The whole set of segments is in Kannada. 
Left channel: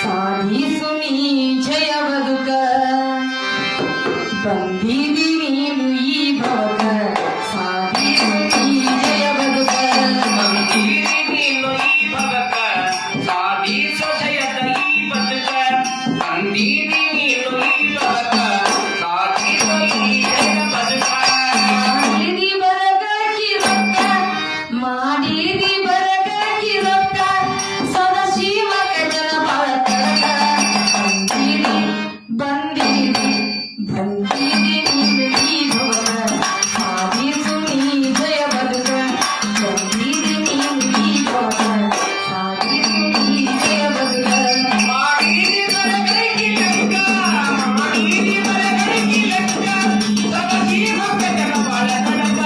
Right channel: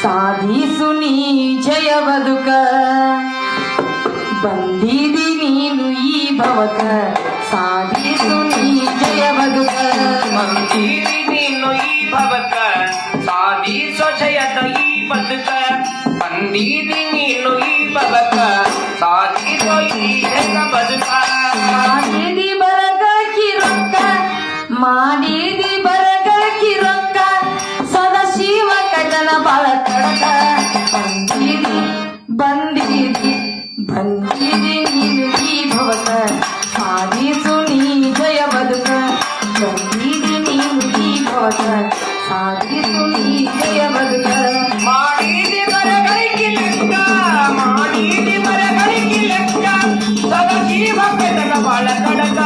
ಸಾಧಿಸು ನೀ ಜಯ ಬದುಕ ಬಂದಿದಿ ನೀನು ಈ ಭವಕ ಸಾಧಿಸು ನೀ ಜಯ ಬದುಕ ಬಂದಿದಿ ನೀನು ಈ ಭವಕ ಸಾಧಿಸು ಜಯದ ಈ ಬದುಕ ಬಂದಿದಿ ನೀನು ಈ ಭವಕ ಸಾಧಿಸು ಈ ಜಯ ಬದುಕ ಮಾಡಿದಿ ಬರಗಾಕಿ ರೊಕ್ಕ ಮಾಡಿದಿ ಬರಗಾಕಿ ರೊಕ್ಕ ಸದಾಶಿವ ಕಜನ ಬಾಳ ಕಡಕ ಬಂದಿದಿ ಬಂದಿದಿ ನೀನು ಈ ಭವಕ ಸಾಧಿಸು ನೀ ಜಯ ಬದುಕ ಬಂದಿದಿ ನೀನು ಈ ಭವಕ ಸಾಧಿಸು ನೀ ಜಯ ಬದುಕ ಮಾಡಿದಿ ಬರಗೈಕಿ ಲೆಕ್ಕ ಮಾಡಿದಿ ಬರಗೈಕಿ ಲೆಕ್ಕ ಸದಾಶಿವ ಕಜನ ಬಾಳ ಕಡಕ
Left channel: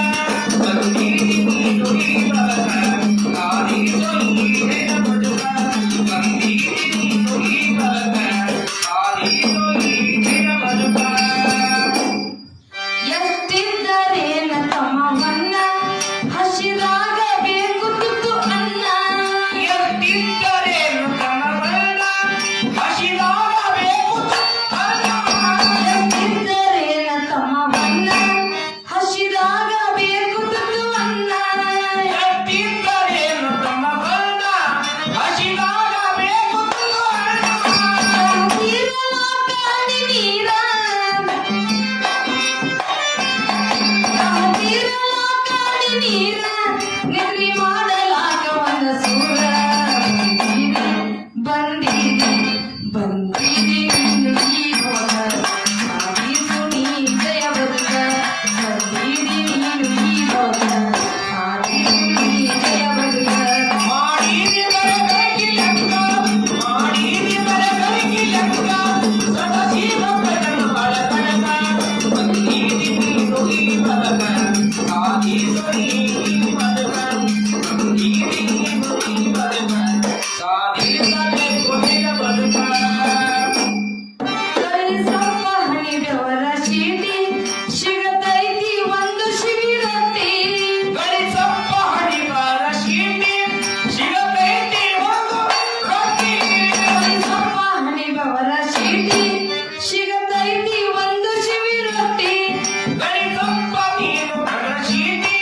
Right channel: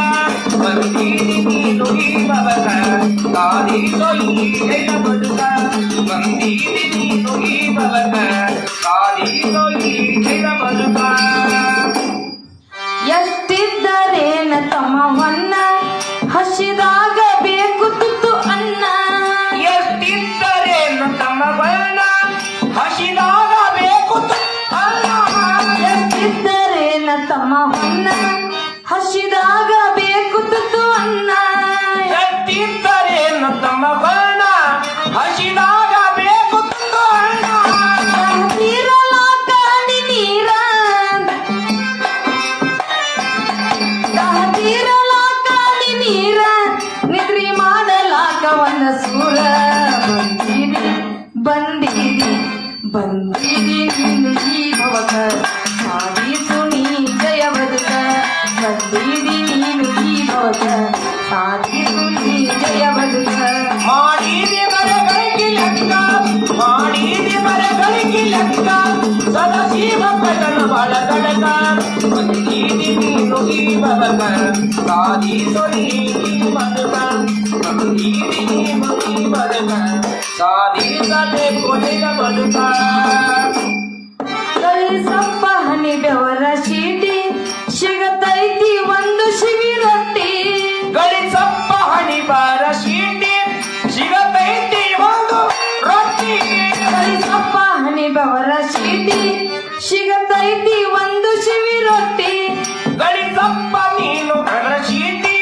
ಬಂದಿದಿ ನೀನು ಈ ಭವಕ ಸಾಧಿಸು ಈ ಜಯ ಬದುಕ ಬಂದಿದಿ ನೀನು ಈ ಭವಕ ಸಾಧಿಸು ಈ ಜಯ ಬದುಕ ಎಷ್ಟಿದ್ದರೇನ ತಮ್ಮವನ್ನ ಹಸಿದಾಗ ಬೇಕು ತುತ್ತು ಅನ್ನ ಎಷ್ಟಿದ್ದರೇನು ತಮ್ಮವನ್ನ ಹಸಿದಾಗ ಬೇಕು ಅನ್ನ ಎಷ್ಟಿದ್ದರೇನ ತಮ್ಮವನ್ನ ಹಸಿದಾಗ ಬೇಕು ತುತ್ತು ಅನ್ನ ಎಷ್ಟಿದ್ದರೇನು ತಮ್ಮವನ್ನ ಹಸಿದಾಗ ಬೇಕು ಅನ್ನ ತೀರಲಾಕ ಅಡಿ ನೀರ ತೀರಲಾಕ ಅಡಿ ನೀರ ನಿದ್ರಿ ಮಾಡಲಾಕ ಒಂದ ಸೂರ ಬಂದಿದಿ ಬಂದಿದಿ ನೀನು ಈ ಭವಕ ಸಾಧಿಸು ನೀ ಜಯ ಬದುಕ ಬಂದಿದಿ ನೀನು ಈ ಭವಕ ಸಾಧಿಸು ನೀ ಜಯ ಬದುಕ ಮಾಡಿದಿ ಬರಗೈಕಿ ಲೆಕ್ಕ ಮಾಡಿದಿ ಬರಗೈಕಿ ಲೆಕ್ಕ ಸದಾಶಿವ ಕಜನ ಬಾಳ ಕಡಕ ಬಂದಿದಿ ನೀನು ಈ ಭವಕ ಸಾಧಿಸು ಈ ಬದುಕ ಬಂದಿದಿ ನೀನು ಈ ಬದುಕ ಸಾಧಿಸಬೇಕು ನಿಜ ಬದುಕ ಗಳಿಸಪ್ಪ ಹಣಿದವರ ಚೀಟಿ ಸಿಗತೈತಿ ಒಂದು ಶಿಬಿರಟ್ಟಿ ಗಳಿಸಪ್ಪ ಹಣಿಬಾರ ಶೀಟಿ ಸಿಗತೈತಿ ಒಂದು ರೊಟ್ಟಿ ಗಳಿಸಪ್ಪ ಹಣಿದವರ ಚೀಟಿ ಸಿಗತೈತಿ ಒಂದು ಶಿಬಿರಟ್ಟಿ ಗಳಿಸಪ್ಪ ನೀನು ನನ್ನ ಶೀಟಿ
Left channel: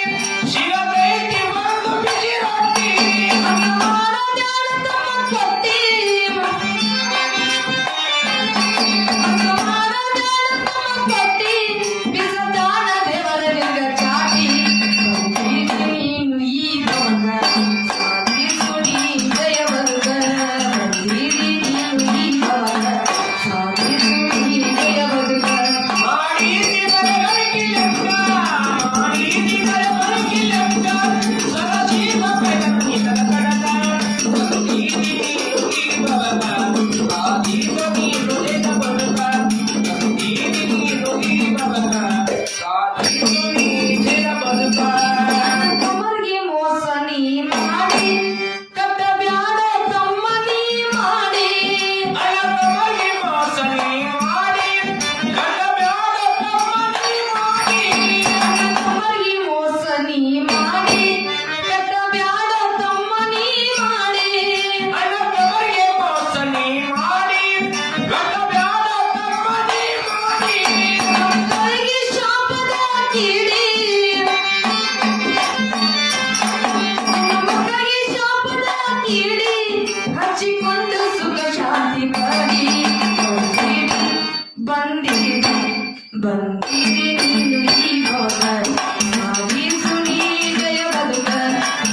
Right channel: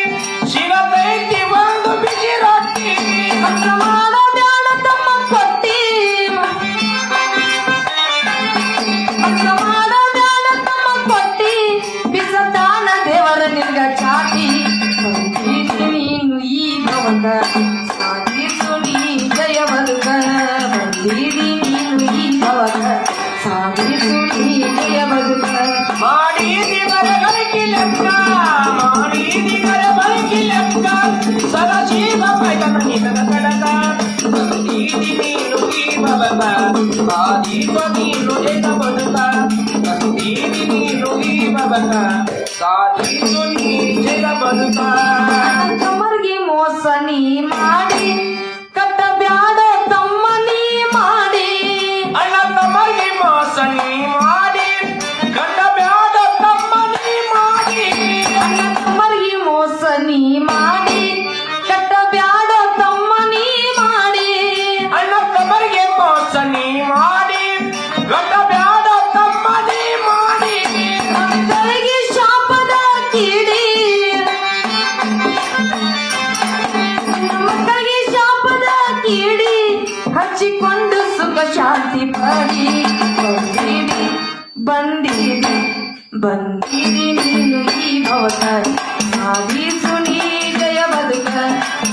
ಸಾಧಿಸು ನೀ ಜಯ ಬದುಕ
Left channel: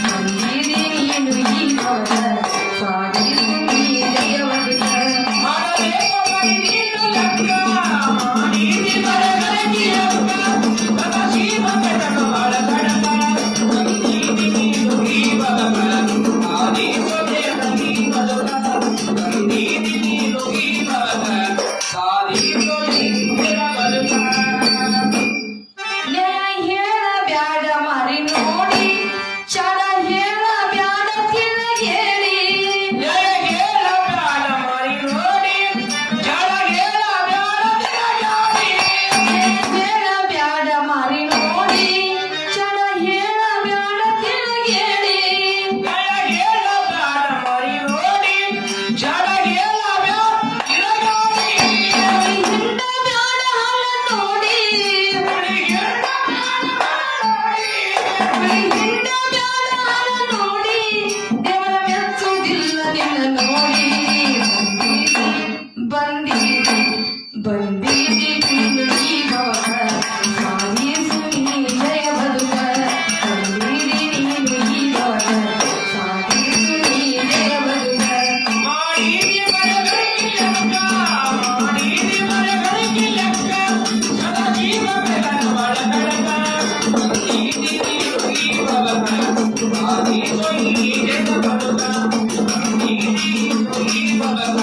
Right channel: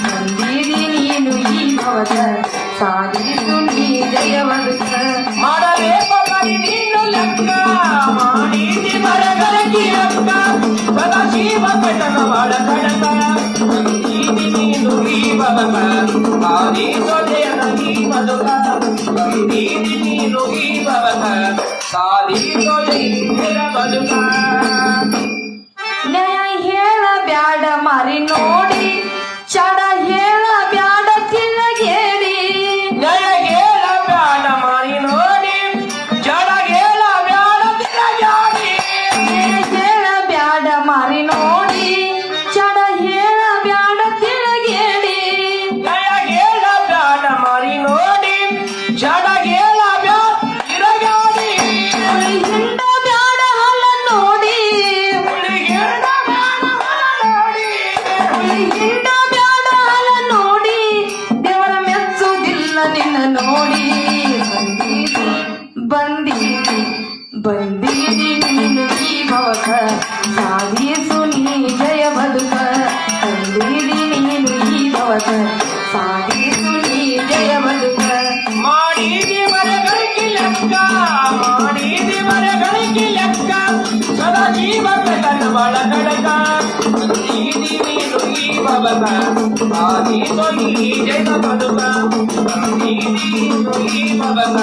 ಬಂದಿರಿ ನೀನು ಈ ಭವದ ಸಾಧಿಸು ನೀ ಜಯ ಬದುಕ ಮಾಡಬೇಕು ಬರೀ ನೀನು ಲೆಕ್ಕ ಮಾಡಿದಿ ಮರಗಳಿಗೆ ಅಕ್ಕ ಸದಾ ಜೀವ ಕಟಕ ಬಾಳ ಕಡಕ ಬಂದಿದಿ ನೀನು ಈ ಬದುಕ ಸಾಧಿಸೋದೇ ನಗಿ ಬದುಕ ಬಂದಿದಿ ನೀನು ಈ ಬದುಕ ಸಾಧಿಸೋದೇ ಬದುಕ ನ್ಯಾಯ ಹೇಳ ಬ್ಯಾಡ ಮಾರಿ ನೋಡಿ ಚಡ ಹೇಳ ಬ್ಯಾಡ ತಿಳಗೇರಿ ನನಗೇಳ ಬ್ಯಾಡ ಮಾಡಿ ನೋಡಿ ಜಡಗೇಳ ಬ್ಯಾಡ ತಿರಗಾಡಿ ಹೇಳ ಬ್ಯಾಡ ಮಾರಿ ನೋಡಿ ಚಡ ಹೇಳ ಬ್ಯಾಡ ತಿಳಗೇರಿ ನನಗೇಳ ಬ್ಯಾಡ ಮಾಡಿ ನೋಡಿ ಜಡಗೇಳ ಬ್ಯಾಡ ತಿರಗಾಡಿ ಹಿಂಡ ಬ್ಯಾಡ ಹಲ ನೋಡಿ ಹುಡುಗೇಳ ಬ್ಯಾಡ ನೋಡಿ ಹಿಂಡ ಬ್ಯಾಡ ಹಲ ನೋಡಿ ದೇವರ ಮೆಚ್ಚುವುದಿಲ್ಲ ನಿನ್ನ ನೋಡಿ ಬಂದಿರಿ ಬಂದಿರಿ ನೀನು ಈ ಭವಕ ಸಾಧಿಸು ನೀ ಜಯ ಬದುಕ ಬಂದಿರಿ ನೀನು ಈ ಭವಕ ಸಾಧಿಸು ನೀ ಜಯ ಬದುಕ ಮಾಡಿದಿ ಮರಗಳಿಗೆ ಲೆಕ್ಕ ಮಾಡಿದಿ ಮರಗಳಿಗೆ ಲೆಕ್ಕ ಸದಾ ಜೀವ ಕಟಕ ಬಾಳ ಕಡಕ ಬಂದಿದಿ ನೀನು ಈ ಬದುಕ ಸಾಧಿಸೋ ಈ ಜಗ ಬದುಕ ಬಂದಿದಿ ನೀನು ಈ ಬದುಕ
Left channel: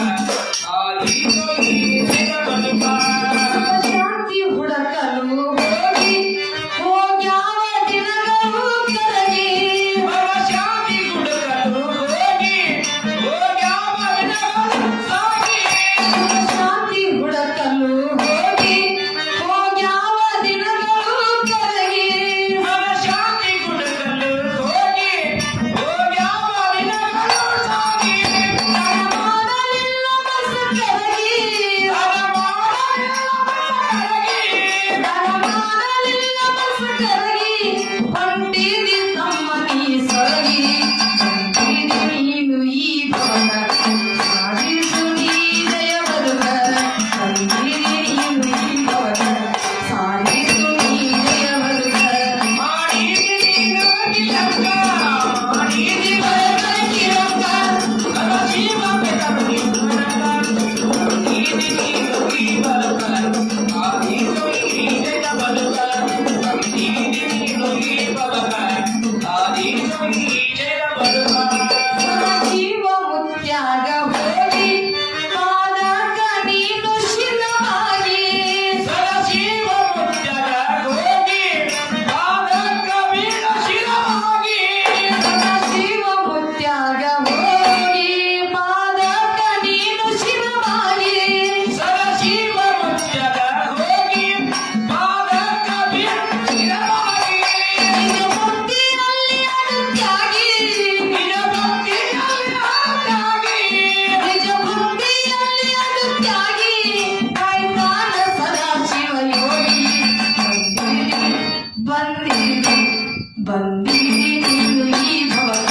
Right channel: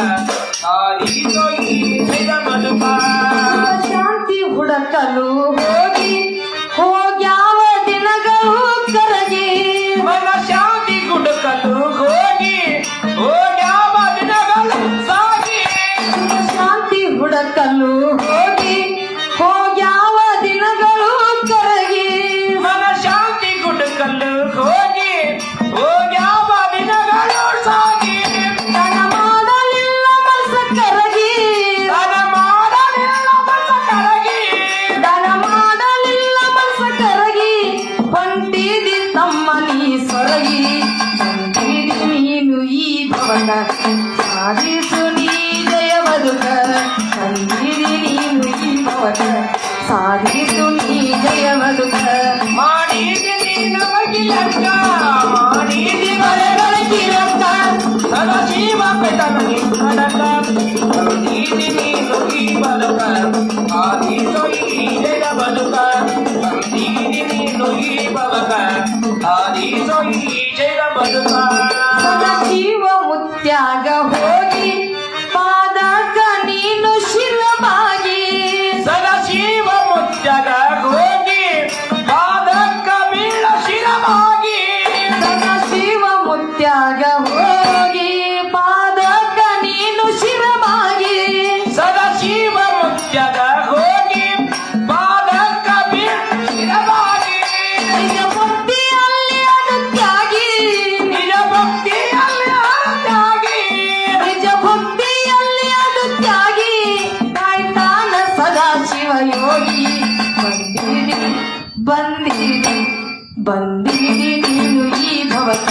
ಸಾಧಿಸೋ ಈ ಜಗ ಬದುಕ ಶಾಂತಿ ಹುಡಕಲು ಹೋಗಿ ಹೋಗ್ಯಾವ ದಿನಗಳು ಕರಗಿ ಮನಶಾಂತಿ ಗುಡುಕಲು ಹೋಗಿ ಹೋಗ್ಯಾವ ದಿನಗಳು ಸಾಗಿ ಶಾಂತಿ ಹುಡಕಲು ಹೋಗಿ ಹೋಗ್ಯಾವ ದಿನಗಳು ಕರಗಿ ಮನಶಾಂತಿ ಗುಡುಕಲು ಹೋಗಿ ಹೋಗ್ಯಾವ ದಿನಗಳು ಸಾಗಿ ತನ ಮಾಡಲಿಲ್ಲ ಮನಸ ಕರಗಿ ತನ ಮಾಡಲಿಲ್ಲ ಮನಸ ಕರಗಿ ದನ ಮಾಡಲಿಲ್ಲ ಮನಸ ಕರಗಿ ಹೊಂಟಿದಿ ತಮ್ಮ ನೀ ಸೊರಗಿ ಬಂದಿರಿ ನೀನು ಈ ಭವನ ಸಾಧಿಸು ನೀ ಜಯ ಬದುಕ ಬಂದಿರಿ ನೀನು ಈ ಭವನ ಸಾಧಿಸು ನೀ ಜಯ ಬದುಕ ಮಾಡಿದಿ ನೀನು ಬಗೆಯಕ್ಕ ಮಾಡಿದಿ ಮರಗಳಿರಕ್ಕ ಸದಾ ಜೀವ ಕಟಕಿ ಕಡಕ ಬಂದಿದಿ ನೀನು ಈ ಬದುಕ ಸಾಧಿಸೋ ಈ ಜಗ ಬದುಕ ಬಂದಿದಿ ನೀನು ಈ ಬದುಕ ಸಾಧಿಸೋ ಈ ಜಗ ಬದುಕ ಸದಾ ಜೀವ ಮುತ್ಯಾಗ ಹೋಗಿ ಪಾದಕ ನೀನು ಶಿರವಾಗಿ ಸದಾ ಜೀವ ಮುತ್ಯಗ ಹೋಗಿ ಪಾದಕ್ಕ ಬೀಳ ಶಿರವಾಗಿ ಸದಾ ಶಿವ ಮುತ್ಯಾಗ ಹೋಗಿ ಪಾದಕ ನೀನು ಶಿರವಾಗಿ ಸದಾ ಜೀವ ಮುತ್ಯಗ ಹೋಗಿ ಪಾದಕ್ಕ ಬೀಳ ಶಿರವಾಗಿ ನಿಜ ಭಕ್ತಿಯಲ್ಲಿ ಅಗತ್ಯಾಗಿ ನಿಜ ಭಕ್ತಿಯಲ್ಲಿ ಆಗಿ ನಿಜ ಭಕ್ತಿಯಲ್ಲಿ ಅಗತ್ಯಾಗಿ ಕಾಯ್ತಾನ ಸದಾ ಶಿವ ಯೋಗಿ ಬಂದಿರಿ ಬಂದಿರಿ ಬಂದಿರಿ ನೀನು ಈ ಭವಕ